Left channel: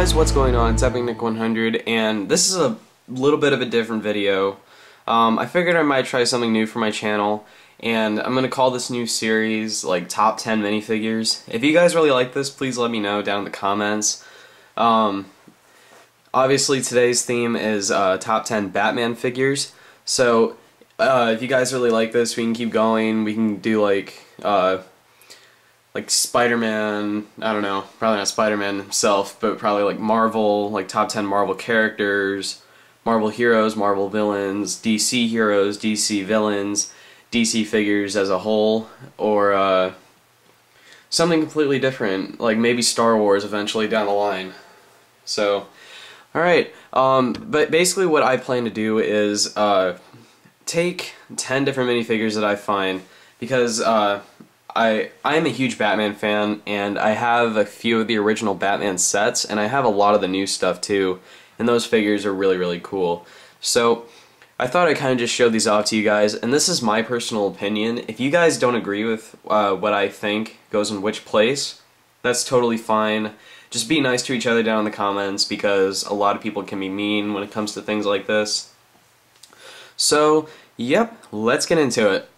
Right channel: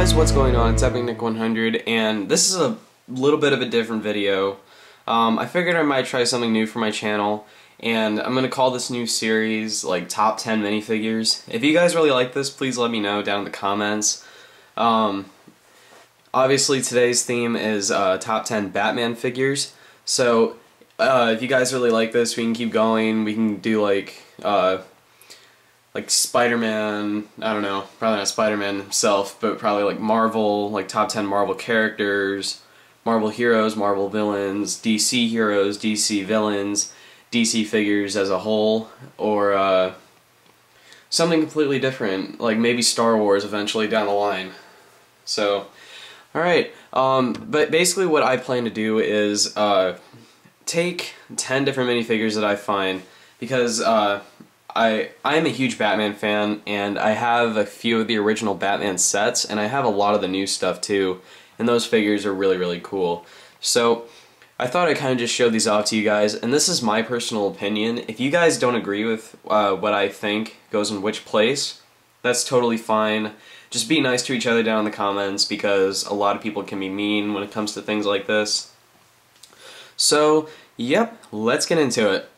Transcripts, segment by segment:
guys, what's going on? It's EpicNick100, and this is a little bit of a different video. I figured I might try something new for my channel, and I'm going to call this new series like Top 10 Minifigures. If you guys really like this, please let me know down in the comments. Obviously today's theme is Top 10 Batman figures, so if you guys really like this, we can keep going. We can do like Spider-Man, I don't know, probably not Spider-Man himself, but probably like Marvel, like top 10 Marvel characters, Marvel heroes, Marvel villains, DC heroes, DC villains, DC figures as a whole, or something completely different, like maybe Star Wars eventually down the line. So, alright, but basically what I plan to do is take 10 different minifigures that I find, because I am a huge Batman fan, and I have a few of the original Batman sets, and I have a lot of the new stuff too, and those figures are really, really cool. So I thought I'd kind of just show these off to you guys, and this is my personal opinion. If you guys don't agree with what I think goes in which place, that's totally fine. Just be nice to each other down in the comments, because a lot of people can be mean when it comes to things like this. So, yep, let's get into it.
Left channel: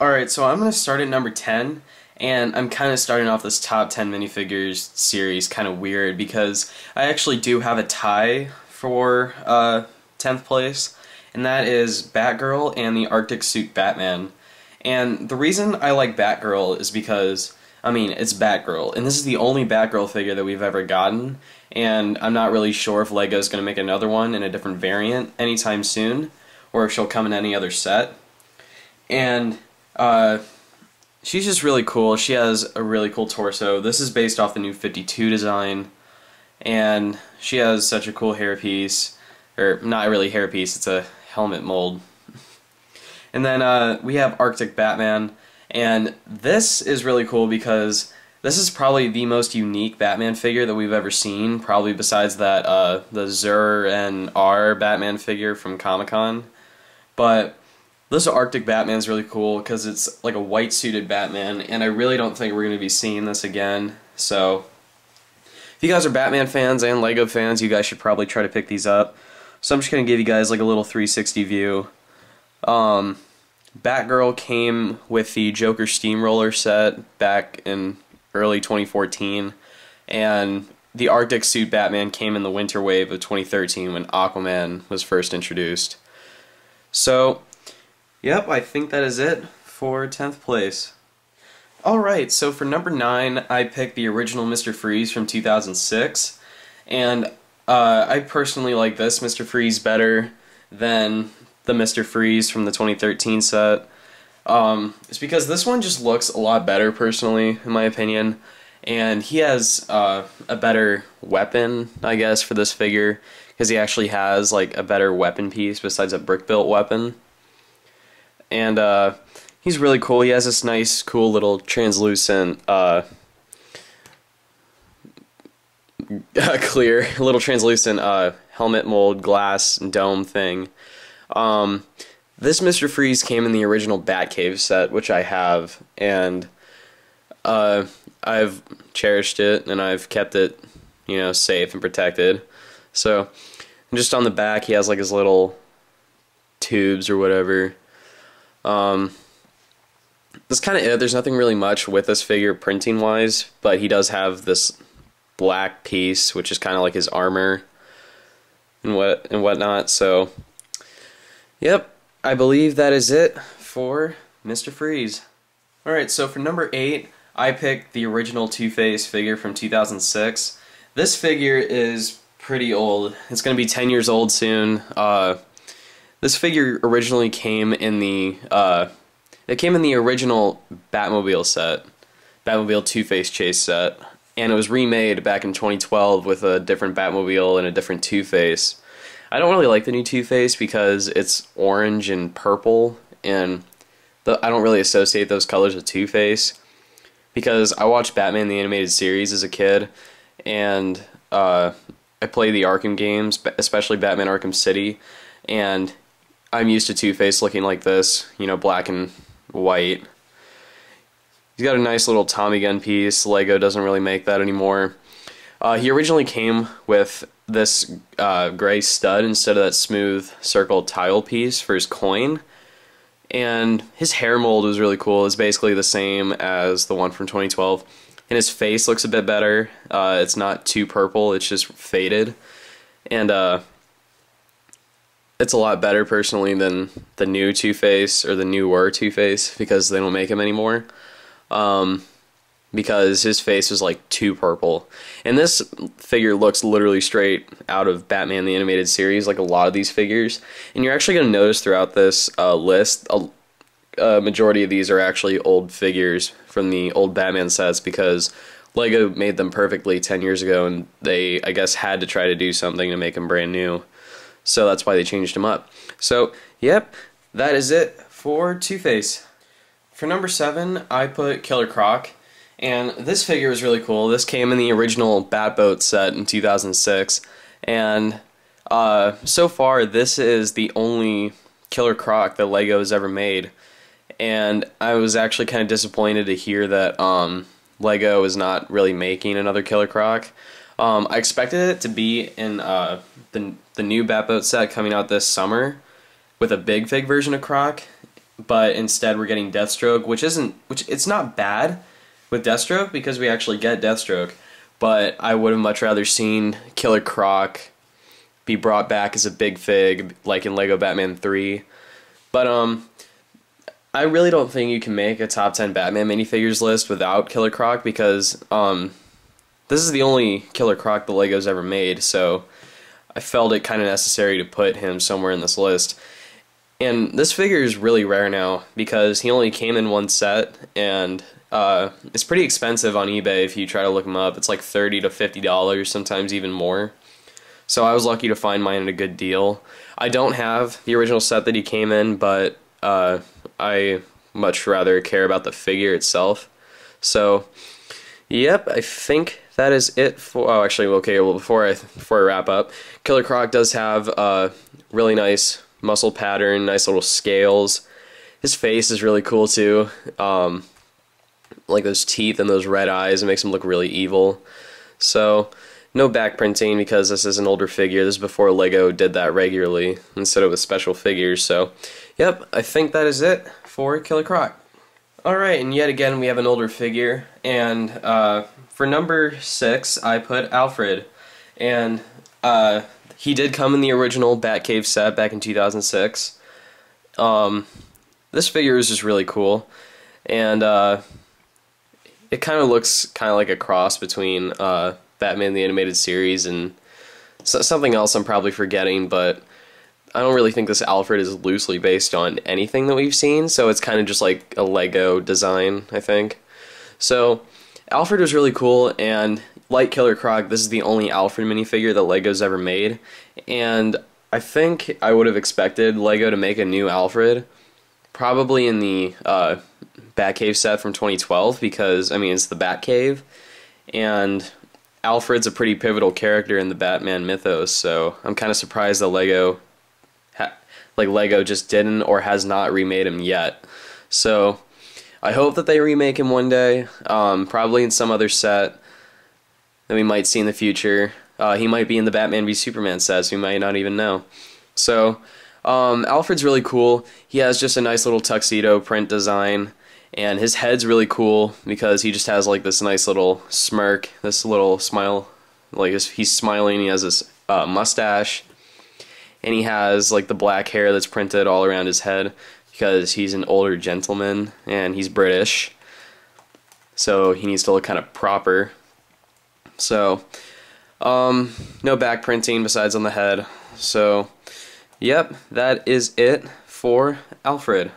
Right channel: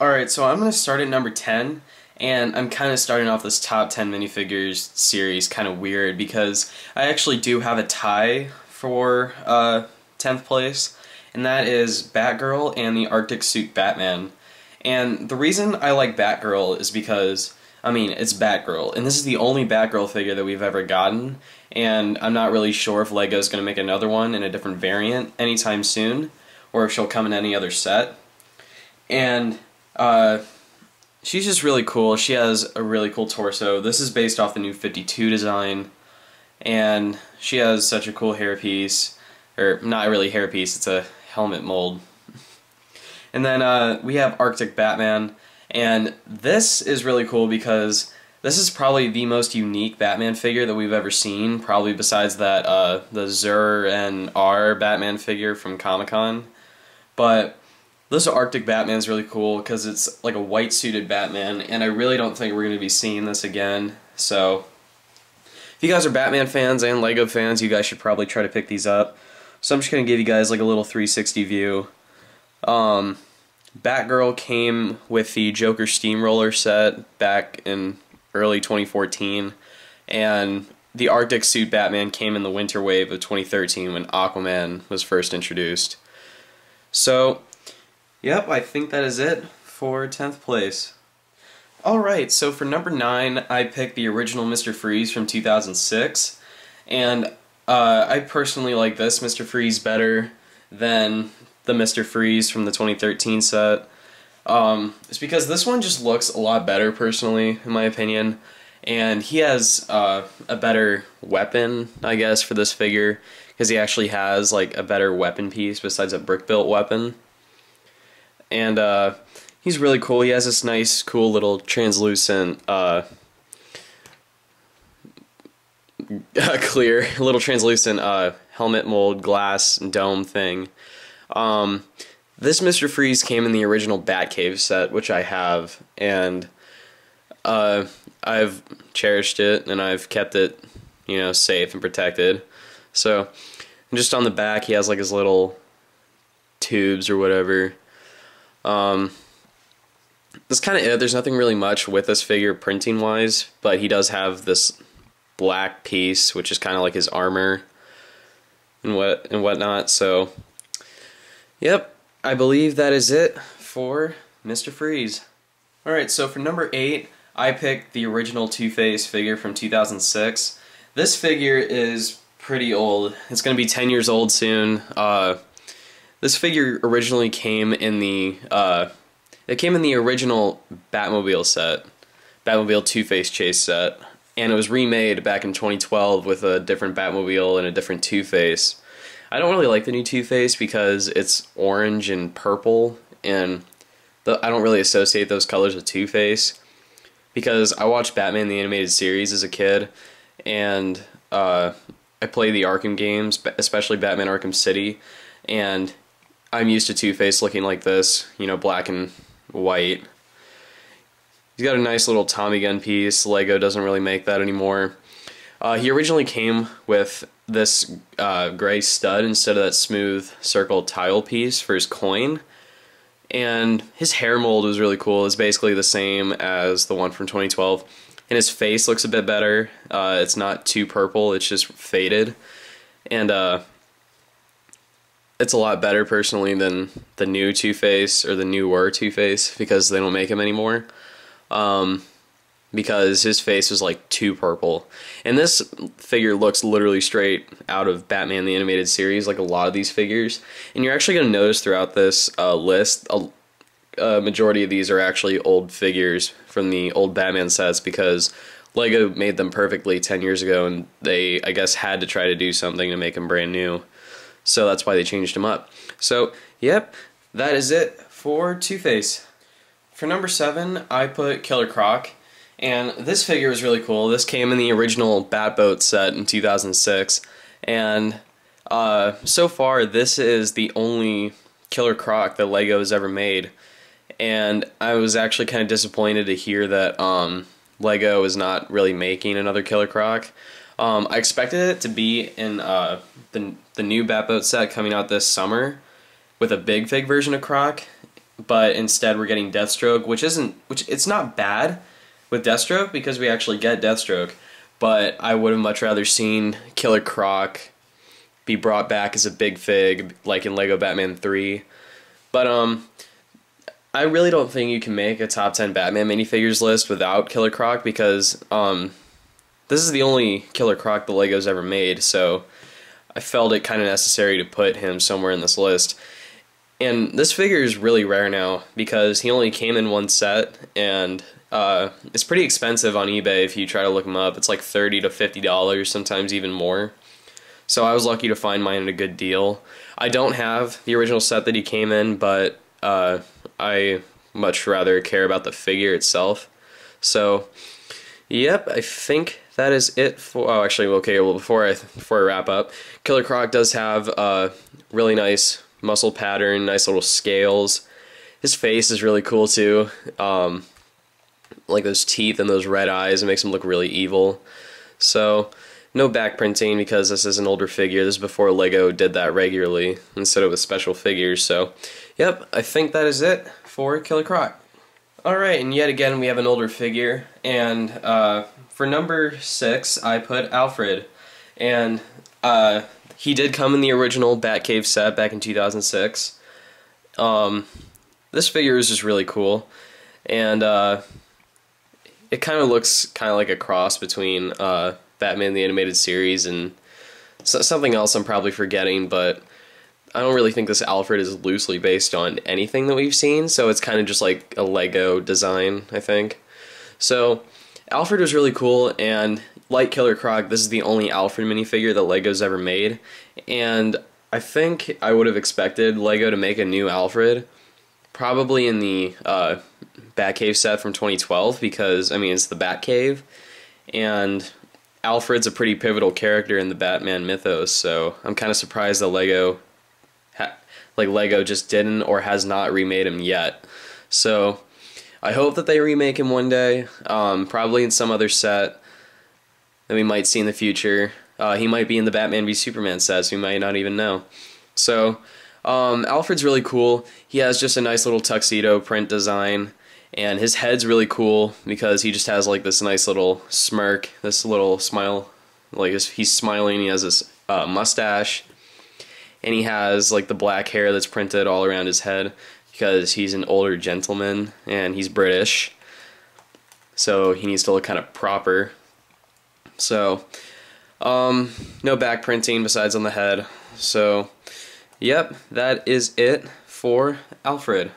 Alright, so I'm going to start at number 10, and I'm kind of starting off this top 10 minifigures series kind of weird, because I actually do have a tie for 10th place, and that is Batgirl and the Arctic Suit Batman. And the reason I like Batgirl is because, I mean, it's Batgirl, and this is the only Batgirl figure that we've ever gotten, and I'm not really sure if LEGO's going to make another one in a different variant anytime soon, or if she'll come in any other set. And she's just really cool. She has a really cool torso. This is based off the new 52 design, and she has such a cool hairpiece, or not really hairpiece, it's a helmet mold. And then we have Arctic Batman, and this is really cool because this is probably the most unique Batman figure that we've ever seen, probably besides that the Zur and R Batman figure from Comic-Con. But this Arctic Batman is really cool because it's like a white suited Batman, and I really don't think we're going to be seeing this again. So if you guys are Batman fans and LEGO fans, you guys should probably try to pick these up. So I'm just going to give you guys like a little 360 view. Batgirl came with the Joker Steamroller set back in early 2014, and the Arctic Suit Batman came in the winter wave of 2013 when Aquaman was first introduced. So yep, I think that is it for 10th place. Alright, so for number 9, I picked the original Mr. Freeze from 2006, and I personally like this Mr. Freeze better than the Mr. Freeze from the 2013 set. It's because this one just looks a lot better, personally, in my opinion, and he has a better weapon, I guess, for this figure, because he actually has like a better weapon piece besides a brick-built weapon. And he's really cool. He has this nice, cool little translucent, clear, little translucent helmet mold glass dome thing. This Mr. Freeze came in the original Batcave set, which I have, and I've cherished it, and I've kept it, you know, safe and protected. So, and just on the back, he has like his little tubes or whatever. That's kind of it. There's nothing really much with this figure printing wise, but he does have this black piece, which is kind of like his armor and whatnot. So, yep, I believe that is it for Mr. Freeze. Alright, so for number 8, I picked the original TwoFace figure from 2006. This figure is pretty old. It's going to be 10 years old soon. This figure originally came in the original Batmobile set, Batmobile Two-Face chase set, and it was remade back in 2012 with a different Batmobile and a different Two-Face. I don't really like the new Two-Face because it's orange and purple, and I don't really associate those colors with Two-Face, because I watched Batman the Animated Series as a kid, and I play the Arkham games, especially Batman Arkham City, and I'm used to Two-Face looking like this, you know, black and white. He's got a nice little Tommy gun piece. LEGO doesn't really make that anymore. He originally came with this gray stud instead of that smooth circle tile piece for his coin. And his hair mold was really cool. It's basically the same as the one from 2012. And his face looks a bit better. It's not too purple, it's just faded. And it's a lot better personally than the new TwoFace, or the newer TwoFace, because they don't make him anymore. Because his face was like too purple. And this figure looks literally straight out of Batman the Animated Series, like a lot of these figures. And you're actually going to notice throughout this list, a majority of these are actually old figures from the old Batman sets, because Lego made them perfectly 10 years ago, and they, I guess, had to try to do something to make them brand new. So that's why they changed them up. So, yep, that is it for TwoFace. For number 7, I put Killer Croc. And this figure was really cool. This came in the original Batboat set in 2006. And so far, this is the only Killer Croc that Lego has ever made. And I was actually kind of disappointed to hear that Lego is not really making another Killer Croc. I expected it to be in the new Batboat set coming out this summer with a big fig version of Croc, but instead we're getting Deathstroke, which it's not bad with Deathstroke, because we actually get Deathstroke, but I would have much rather seen Killer Croc be brought back as a big fig, like in Lego Batman 3. But I really don't think you can make a top 10 Batman minifigures list without Killer Croc, because this is the only Killer Croc the Lego's ever made, so I felt it kind of necessary to put him somewhere in this list. And this figure is really rare now, because he only came in one set, and it's pretty expensive on eBay if you try to look him up. It's like $30 to $50, sometimes even more. So I was lucky to find mine at a good deal. I don't have the original set that he came in, but I much rather care about the figure itself. So, yep, I think that is it for... Oh, actually, okay, well, before I wrap up, Killer Croc does have a really nice muscle pattern, nice little scales. His face is really cool, too. Like those teeth and those red eyes, it makes him look really evil. So, no back printing, because this is an older figure. This is before Lego did that regularly instead of with special figures. So, yep, I think that is it for Killer Croc. Alright, and yet again we have an older figure, and for number 6 I put Alfred. And he did come in the original Batcave set back in 2006. This figure is just really cool, and it kind of looks kind of like a cross between Batman the Animated Series and something else I'm probably forgetting, but I don't really think this Alfred is loosely based on anything that we've seen, so it's kind of just like a Lego design, I think. So, Alfred was really cool, and like Killer Croc, this is the only Alfred minifigure that Lego's ever made, and I think I would have expected Lego to make a new Alfred, probably in the Batcave set from 2012, because, I mean, it's the Batcave, and Alfred's a pretty pivotal character in the Batman mythos, so I'm kind of surprised that Lego just didn't or has not remade him yet. So I hope that they remake him one day, probably in some other set that we might see in the future. He might be in the Batman v Superman set, so we might not even know. So Alfred's really cool. He has just a nice little tuxedo print design, and his head's really cool because he just has like this nice little smirk, this little smile, like he's smiling. He has this mustache, and he has like the black hair that's printed all around his head because he's an older gentleman and he's British, so he needs to look kind of proper. So no back printing besides on the head. So yep, that is it for Alfred.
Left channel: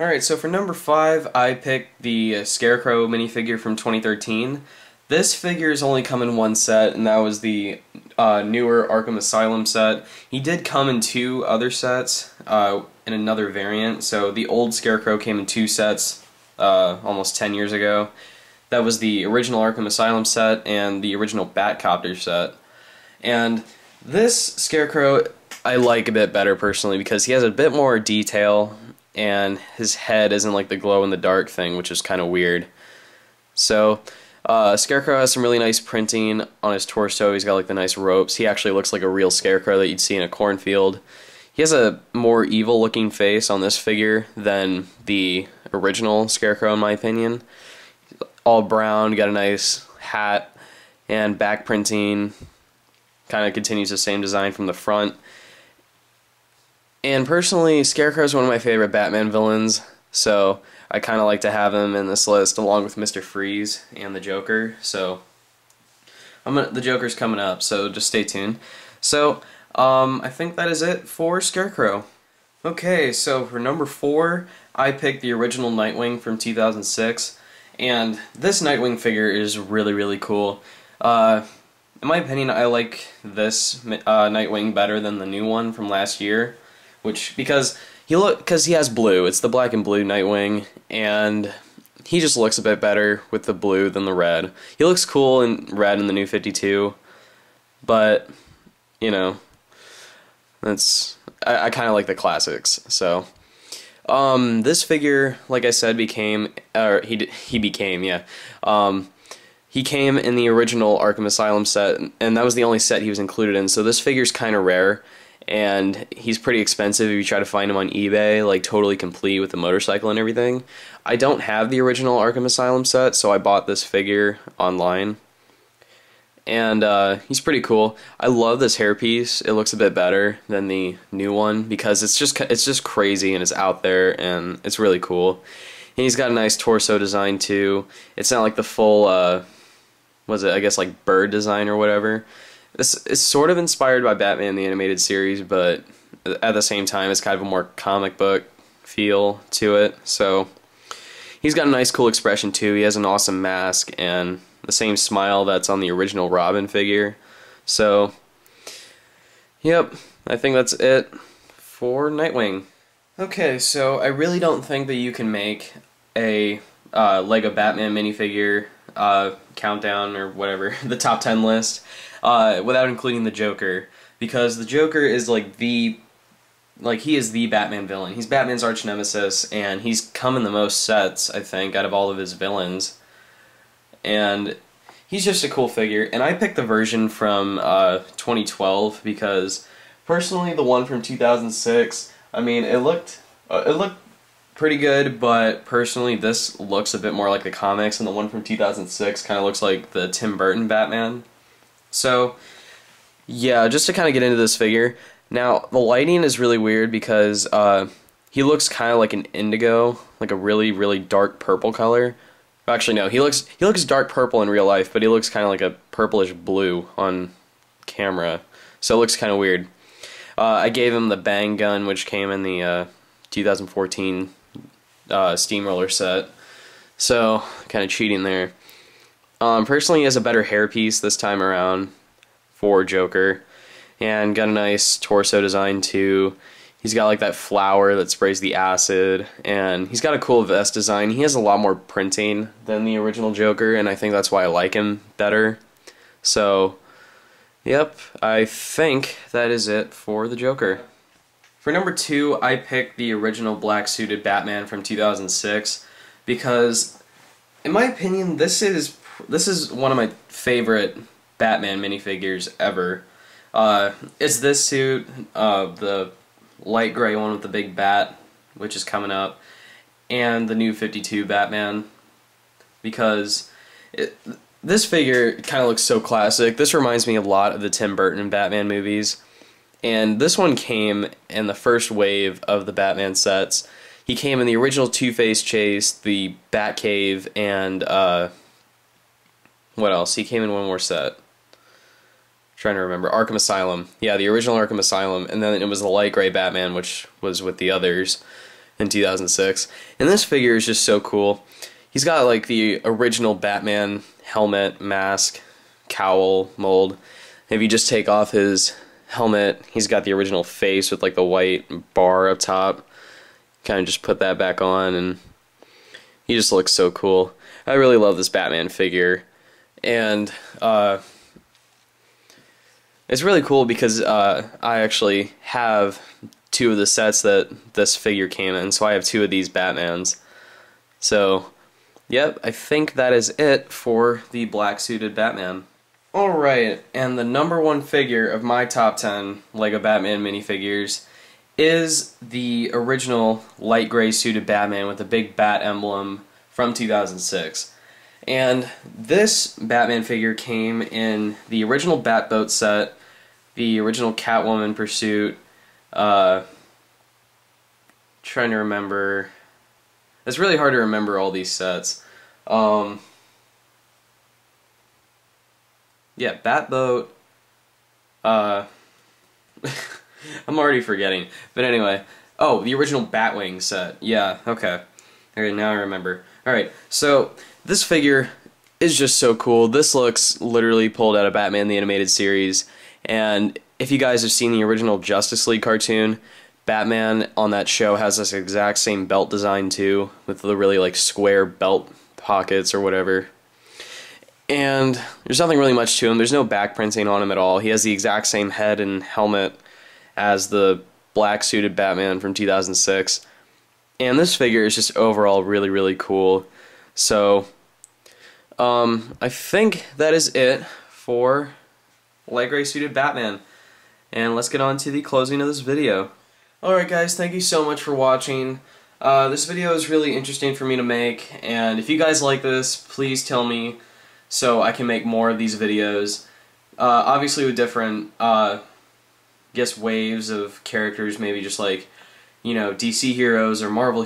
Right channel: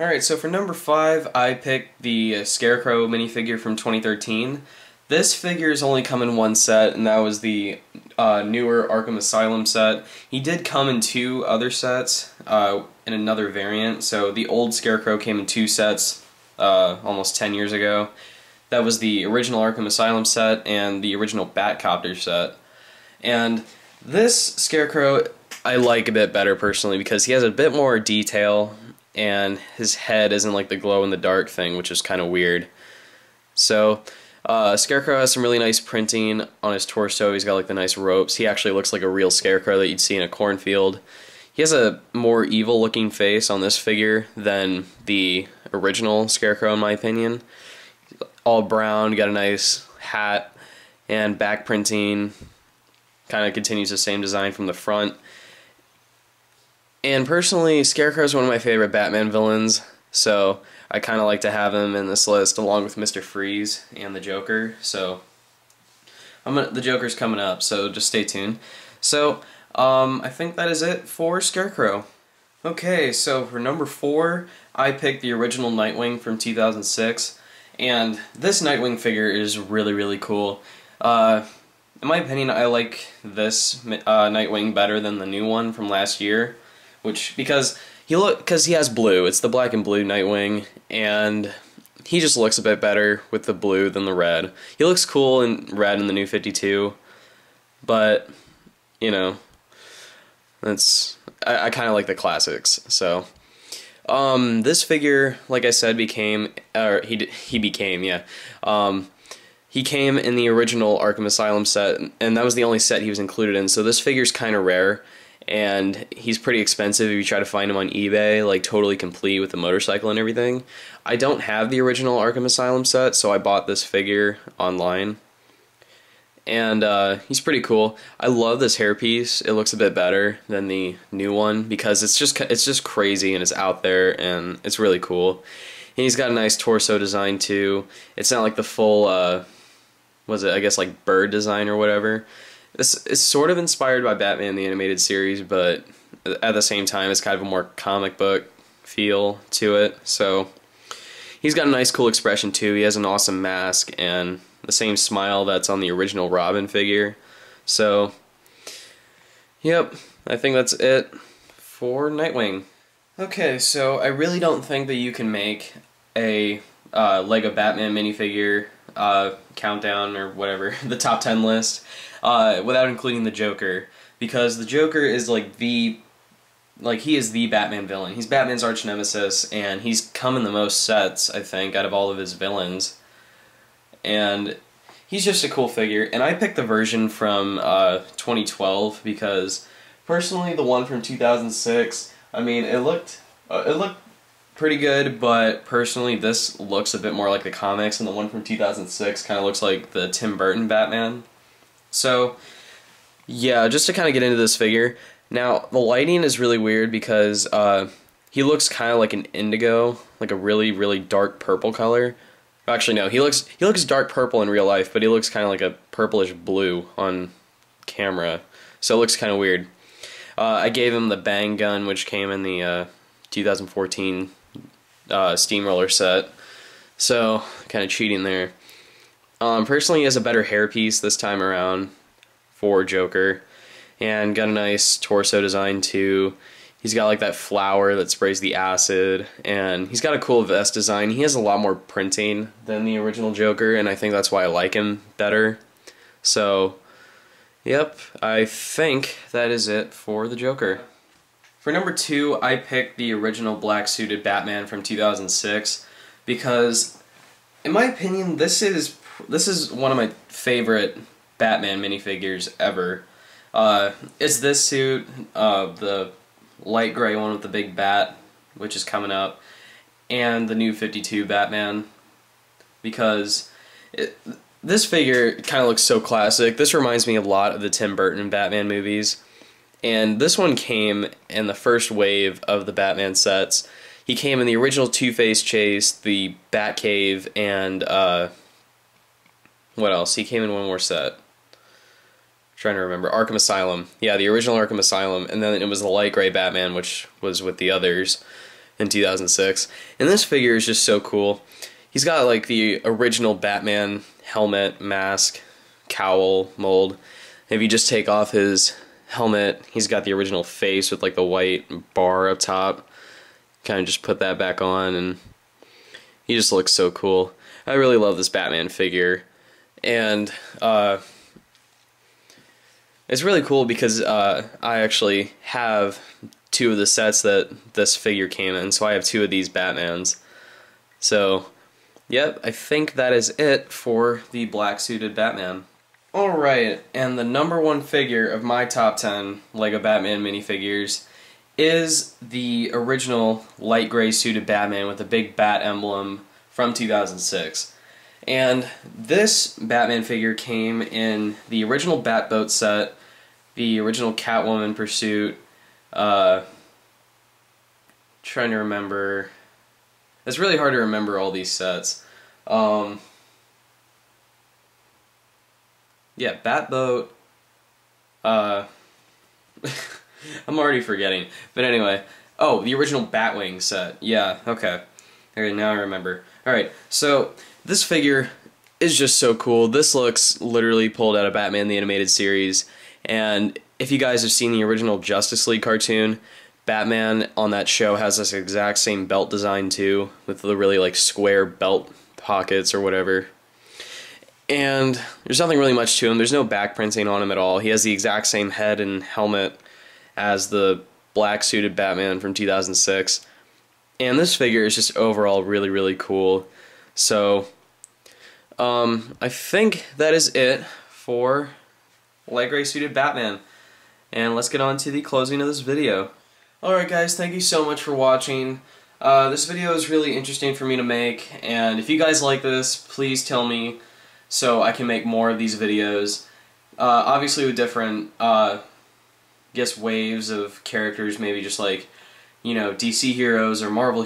Alright, so for number 5, I picked the Scarecrow minifigure from 2013. This figure is only come in one set, and that was the newer Arkham Asylum set. He did come in 2 other sets in another variant, so the old Scarecrow came in 2 sets almost 10 years ago. That was the original Arkham Asylum set and the original Batcopter set. And this Scarecrow I like a bit better personally because he has a bit more detail, and his head isn't like the glow-in-the-dark thing, which is kind of weird. So Scarecrow has some really nice printing on his torso. He's got like the nice ropes. He actually looks like a real Scarecrow that you'd see in a cornfield. He has a more evil looking face on this figure than the original Scarecrow in my opinion. All brown, got a nice hat and back printing. Kind of continues the same design from the front. And personally, Scarecrow is one of my favorite Batman villains, so I kind of like to have him in this list along with Mr. Freeze and the Joker. So the Joker's coming up, so just stay tuned. So I think that is it for Scarecrow. Okay, so for number 4, I picked the original Nightwing from 2006, and this Nightwing figure is really, really cool. In my opinion, I like this Nightwing better than the new one from last year, because he has blue. It's the black and blue Nightwing, and he just looks a bit better with the blue than the red. He looks cool in red in the new 52, but you know, I kind of like the classics. So this figure, like I said, he came in the original Arkham Asylum set, and that was the only set he was included in, so this figure's kind of rare, and he's pretty expensive if you try to find him on eBay, like totally complete with the motorcycle and everything. I don't have the original Arkham Asylum set, so I bought this figure online, and he's pretty cool. I love this hairpiece. It looks a bit better than the new one, because it's just crazy, and it's out there, and it's really cool. And he's got a nice torso design too. It's not like the full I guess like bird design or whatever. This is sort of inspired by Batman the Animated Series, but at the same time it's kind of a more comic book feel to it. So he's got a nice cool expression too. He has an awesome mask and the same smile that's on the original Robin figure. So yep, I think that's it for Nightwing. Okay, so I really don't think that you can make a Lego Batman minifigure countdown or whatever, the top 10 list, without including the Joker, because the Joker is he is the Batman villain. He's Batman's arch nemesis, and he's come in the most sets, I think, out of all of his villains, and he's just a cool figure. And I picked the version from 2012 because personally the one from 2006, I mean, it looked pretty good, but personally this looks a bit more like the comics, and the one from 2006 kind of looks like the Tim Burton Batman. So yeah, just to kind of get into this figure. Now the lighting is really weird because he looks kind of like an indigo, like a really, really dark purple color. Actually no, he looks dark purple in real life, but he looks kind of like a purplish blue on camera, so it looks kind of weird. I gave him the bang gun, which came in the 2014 Steamroller set, so kind of cheating there. Personally, he has a better hairpiece this time around for Joker, and got a nice torso design too. He's got like that flower that sprays the acid, and he's got a cool vest design. He has a lot more printing than the original Joker, and I think that's why I like him better. So yep, I think that is it for the Joker. For number 2, I picked the original black-suited Batman from 2006 because, in my opinion, this is one of my favorite Batman minifigures ever. It's this suit, the light gray one with the big bat, which is coming up, and the new 52 Batman, because this figure kind of looks so classic. This reminds me a lot of the Tim Burton Batman movies. And this one came in the first wave of the Batman sets. He came in the original TwoFace chase, the Batcave, and what else? He came in one more set. I'm trying to remember. Arkham Asylum. Yeah, the original Arkham Asylum, and then it was the light gray Batman, which was with the others in 2006. And this figure is just so cool. He's got like the original Batman helmet, mask, cowl, mold. If you just take off his helmet, he's got the original face with like the white bar up top. Kind of just put that back on, and he just looks so cool. I really love this Batman figure, and it's really cool because I actually have 2 of the sets that this figure came in, so I have 2 of these Batmans. So yep, I think that is it for the black suited Batman. Alright, and the number one figure of my top 10 LEGO Batman minifigures is the original light gray suited Batman with the big bat emblem from 2006. And this Batman figure came in the original Batboat set, the original Catwoman Pursuit, trying to remember. It's really hard to remember all these sets. Yeah, Batboat. I'm already forgetting. But anyway. Oh, the original Batwing set. Yeah, okay. Okay, now I remember. Alright, so this figure is just so cool. This looks literally pulled out of Batman the Animated Series. And if you guys have seen the original Justice League cartoon, Batman on that show has this exact same belt design too, with the really like square belt pockets or whatever. And there's nothing really much to him. There's no back printing on him at all. He has the exact same head and helmet as the black suited Batman from 2006. And this figure is just overall really, really cool. So, I think that is it for light gray suited Batman. And let's get on to the closing of this video. Alright guys, thank you so much for watching. This video is really interesting for me to make, and if you guys like this, please tell me so I can make more of these videos. Obviously with different, waves of characters, maybe just like, you know, DC heroes or Marvel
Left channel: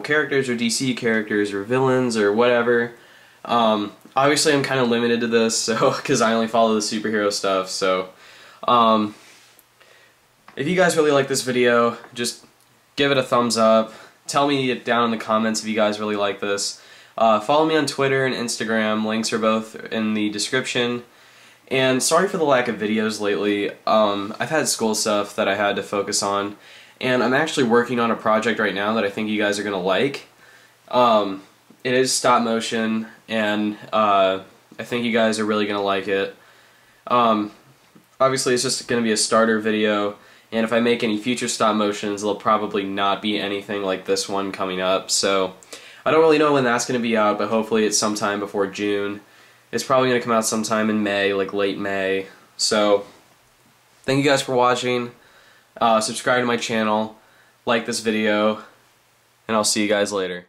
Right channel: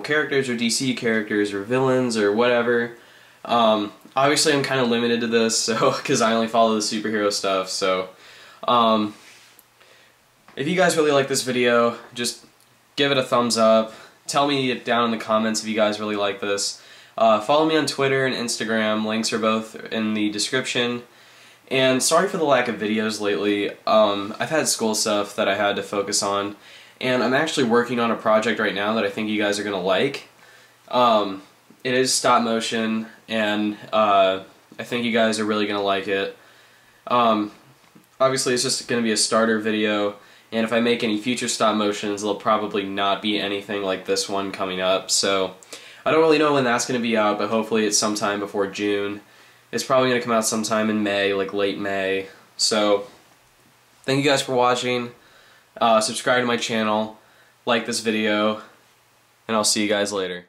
characters or DC characters or villains or whatever. Obviously I'm kind of limited to this, so because I only follow the superhero stuff, so if you guys really like this video, just give it a thumbs up. Tell me down in the comments if you guys really like this. Follow me on Twitter and Instagram. Links are both in the description. And sorry for the lack of videos lately. I've had school stuff that I had to focus on. And I'm actually working on a project right now that I think you guys are going to like. It is stop motion, and I think you guys are really going to like it. Obviously it's just going to be a starter video. And if I make any future stop motions, there'll probably not be anything like this one coming up. So I don't really know when that's going to be out, but hopefully it's sometime before June. It's probably going to come out sometime in May, like late May. So thank you guys for watching. Subscribe to my channel, like this video, and I'll see you guys later.